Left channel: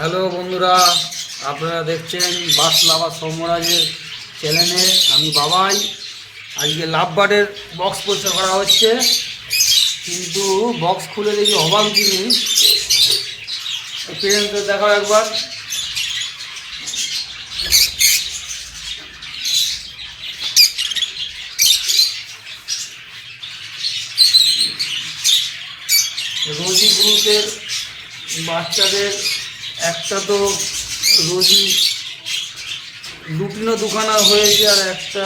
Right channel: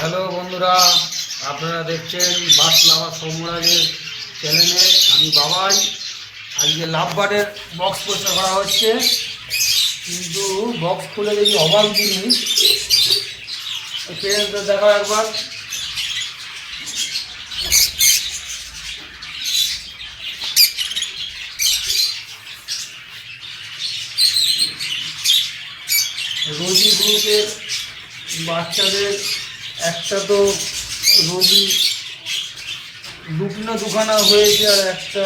Hello বন্ধুরা, আপনারা দেখছেন বাসলাভা সৌম্যরাজের চ্যানেলে। আমি বাবাই। আজকে লাভবার্ডের বক্স পরিষ্কার করা হচ্ছে, কিন্তু বক্স খুলে দেখি অবাক জিনিস। পেরেন্টদের দেখো একবার। রোজি গ্রুপের বাচ্চাদের একটা তো রোজি লুটিনো দুখানা হয়েছে, আর একটা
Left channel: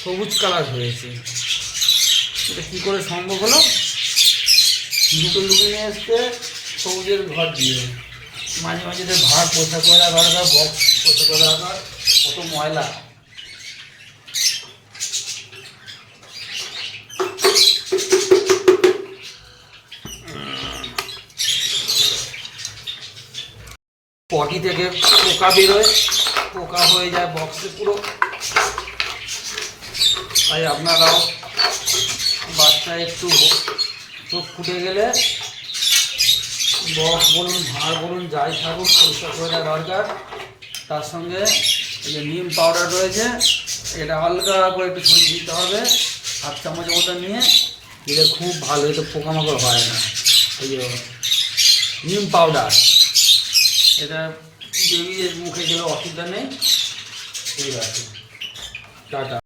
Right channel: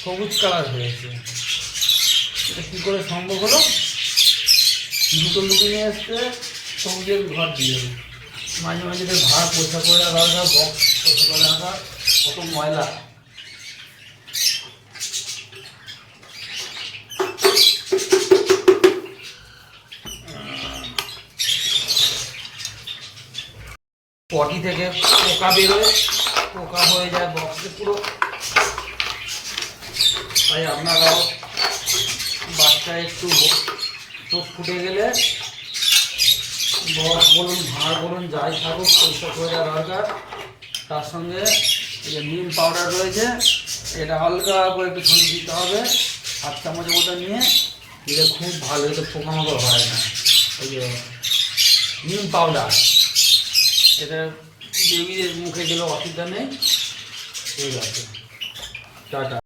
সবুজ কালার হয়েছে। এটা কী করে সম্ভব হলো? দুটো লুটিনে এসছে সবুজের ঘর দিয়ে। মাঝে মাঝে ভার পোষা করে রাখা দরকার, বক্স পোষা করে রাখা, কত ময়লা। পটি থেকে পোকা বেরোয়, পোকা হয়ে যায় বক্সে পুরো। তাই আপনারাও বাচ্চা একটু চোখ ফুটে গেলে বক্স বলুন, ভাঁড় বলুন, যাই থাকুক পরিষ্কার করে দেওয়া দরকার। তার সঙ্গে এই যে নিম পাউডার রয়েছে, এটা হালকা করে একটু ছড়িয়ে দিতে হবে, 7 চামচের মতো নিয়ে দিলে খুব ভালো, এটা পোকামাকড় হয় না। এই যে নিম পাউডার, এটা বেবিদের মুখে গেলে অসুবিধা নেই। ঠিক আছে, টাটা।